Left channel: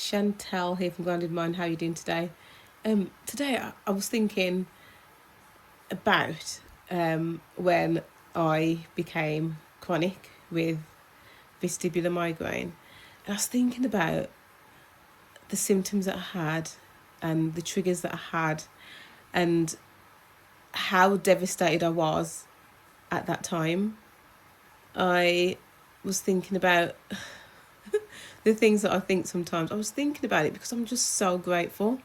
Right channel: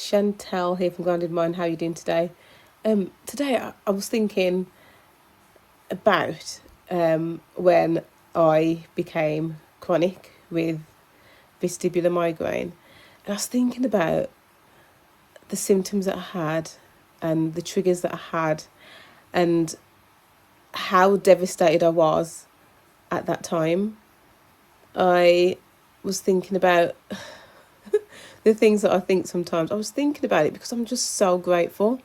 Chantel here from Grounded Mind. How are you doing today? Today I was thinking about when I became chronic with vestibular migraine. And I was thinking about the symptoms that I had and the triggers that I had and how devastated I was at that time. I was thinking about the things that I think sometimes. I was thinking about it because I'm just so grateful.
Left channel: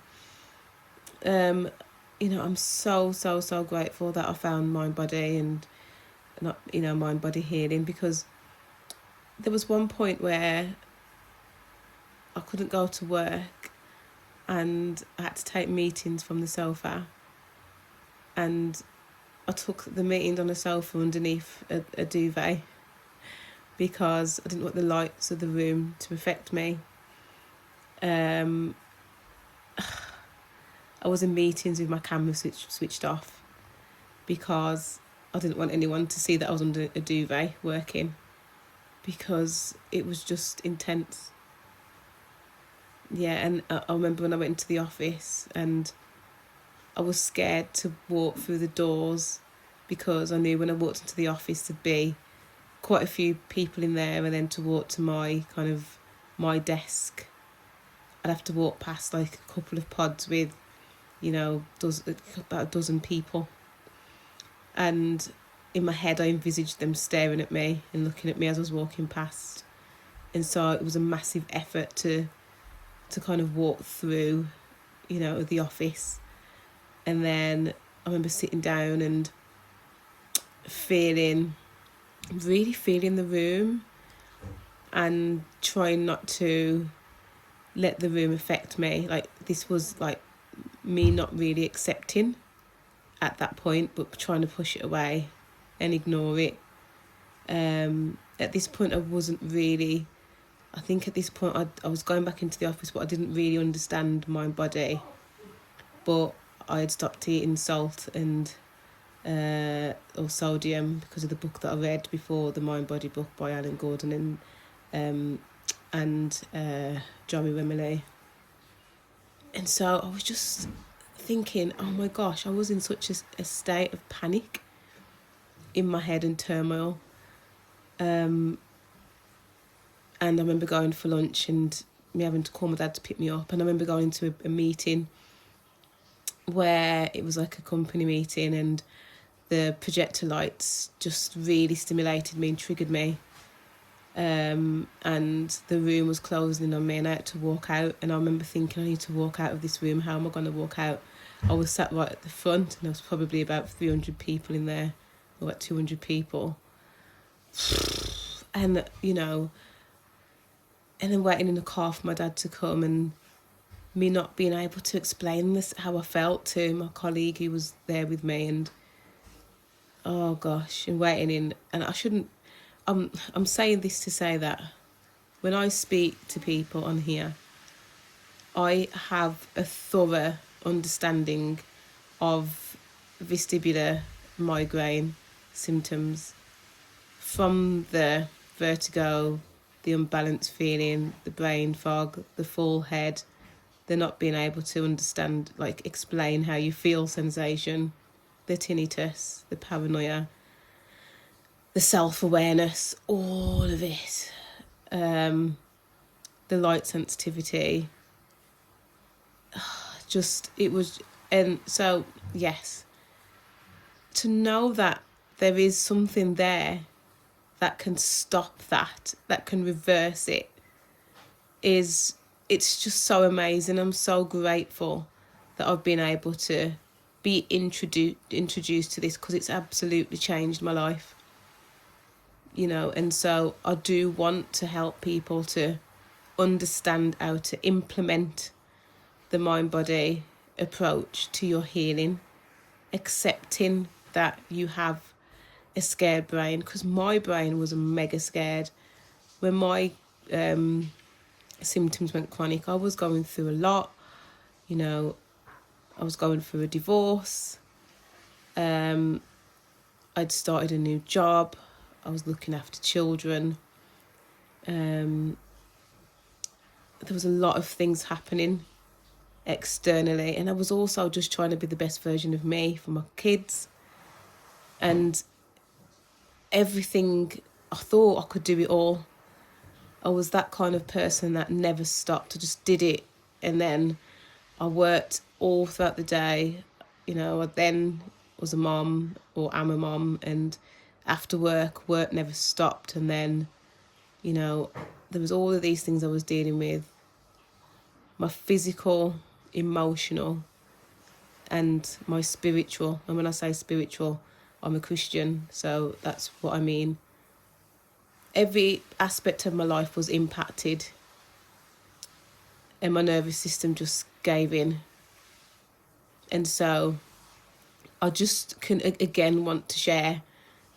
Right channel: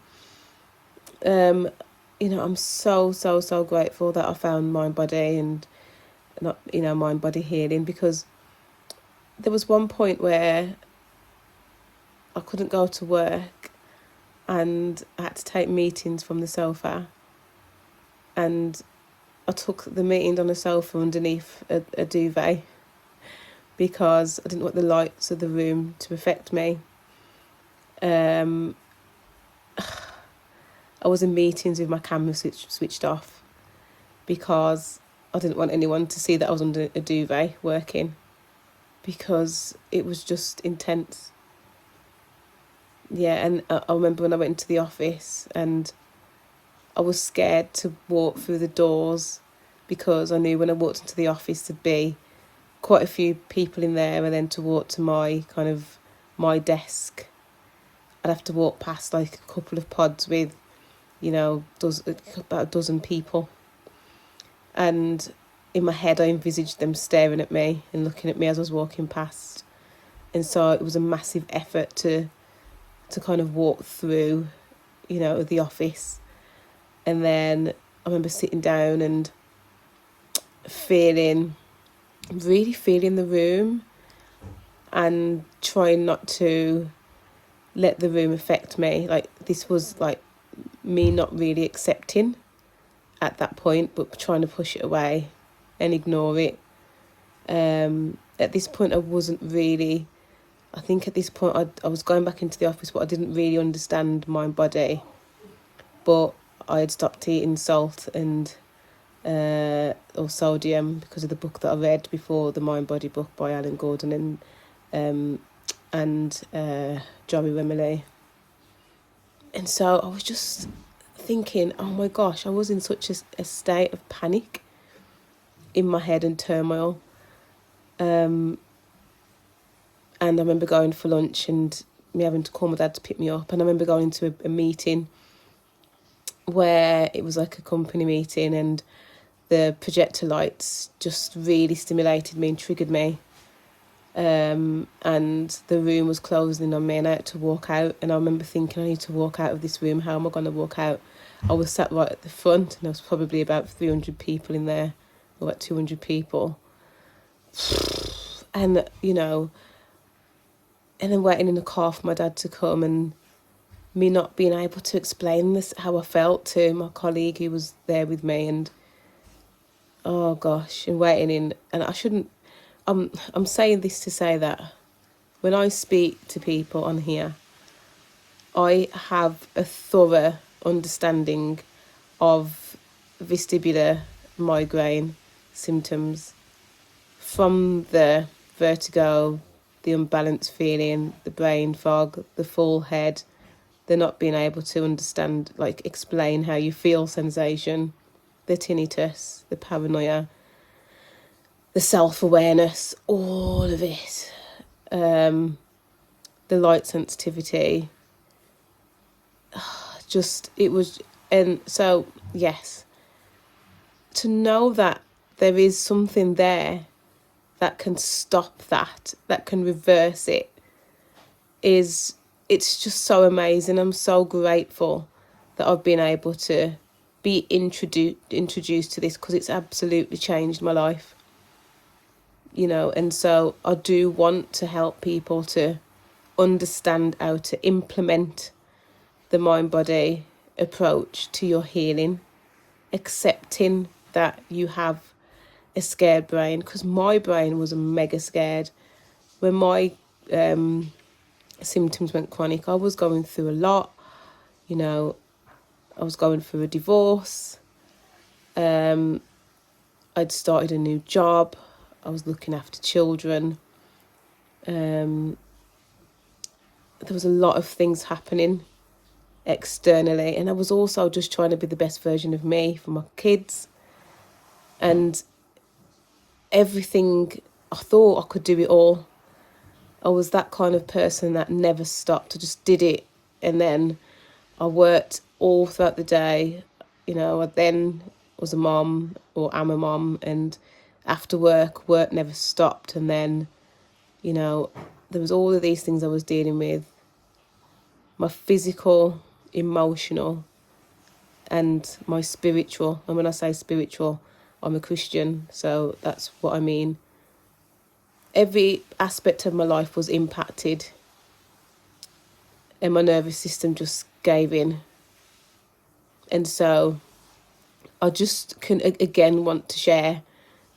I'm so grateful that I found mind body and not mind body healing, because there was one point where I couldn't go to work and I had to take meetings from the sofa, and I took the meeting on the sofa underneath a duvet because I didn't want the lights of the room to affect me. I was in meetings with my camera switched off because I didn't want anyone to see that I was under a duvet working, because it was just intense. Yeah, and I remember when I went into the office and I was scared to walk through the doors because I knew when I walked into the office there'd be quite a few people in there, and then to walk to my desk, I'd have to walk past like a couple of pods with about a dozen people, and in my head I envisaged them staring at me and looking at me as I was walking past. And so it was a massive effort to kind of walk through the office. And then I remember sitting down and really feeling the room and trying not to let the room affect me. Like, this was like me not really accepting at that point, but trying to push it away and ignore it. At this point I wasn't really, I think at this point I was going back into the office, but I didn't really understand my body. But I had stopped eating salt and or sodium because of the book that I read before, the Mind Body book by Alan Gordon and Johnny Remily. And so I was just thinking, oh my gosh, I was in such a state of panic in my head and turmoil. And I remember going for lunch and me having to call my dad to pick me up. And I remember going to a meeting where it was like a company meeting, and the projector lights just really stimulated me and triggered me. And the room was closing on me and I had to walk out. And I remember thinking, I need to walk out of this room. How am I going to walk out? I was sat right at the front and there was probably about 300 people in there, or about 200 people. And, and then waiting in the car for my dad to come, and me not being able to explain this, how I felt, to my colleague who was there with me. And oh gosh, and waiting in, and I shouldn't, I'm saying this to say that when I speak to people on here, I have a thorough understanding of vestibular migraine symptoms, from the vertigo, the unbalanced feeling, the brain fog, the full head, the not being able to understand, like explain how you feel sensation, the tinnitus, the paranoia, the self-awareness, all of it, the light sensitivity, it was. And so yes, to know that there is something there that can stop that can reverse it, it's just so amazing. I'm so grateful that I've been able to be introduced to this, because it's absolutely changed my life. And so I do want to help people to understand how to implement the mind-body approach to your healing, accepting that you have a scared brain, because my brain was mega scared. When my symptoms went chronic, I was going through a lot. I was going through a divorce. I'd started a new job. I was looking after children. there was a lot of things happening externally, and I was also just trying to be the best version of me for my kids, and everything. I thought I could do it all. I was that kind of person that never stopped. I just did it, and then I worked all throughout the day. You know, I then was a mom, or am a mom, and after work never stopped. And then, you know, there was all of these things I was dealing with. My physical, emotional, and my spiritual. And when I say spiritual, I'm a Christian, so that's what I mean. Every aspect of my life was impacted, and my nervous system just gave in. And so I just can again want to share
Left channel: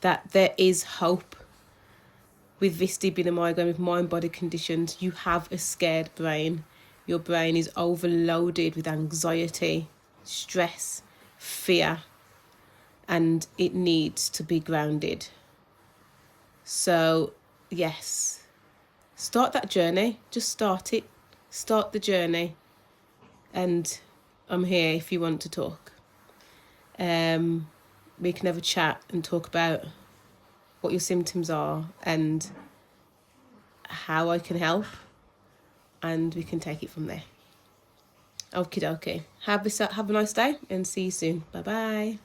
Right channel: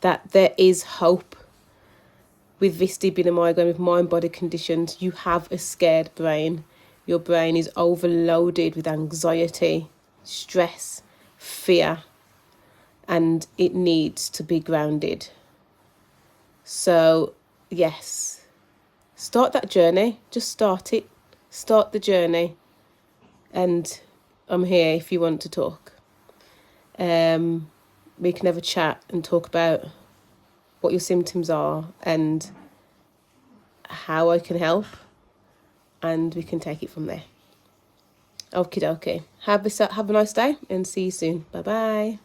that there is hope with this being a migraine, with mind-body conditions. You have a scared brain. Your brain is overloaded with anxiety, stress, fear, and it needs to be grounded. So yes, start that journey. Just start it. Start the journey. And I'm here if you want to talk. We can have a chat and talk about what your symptoms are and how I can help, and we can take it from there. Okie dokie. Have a nice day, and see you soon. Bye bye.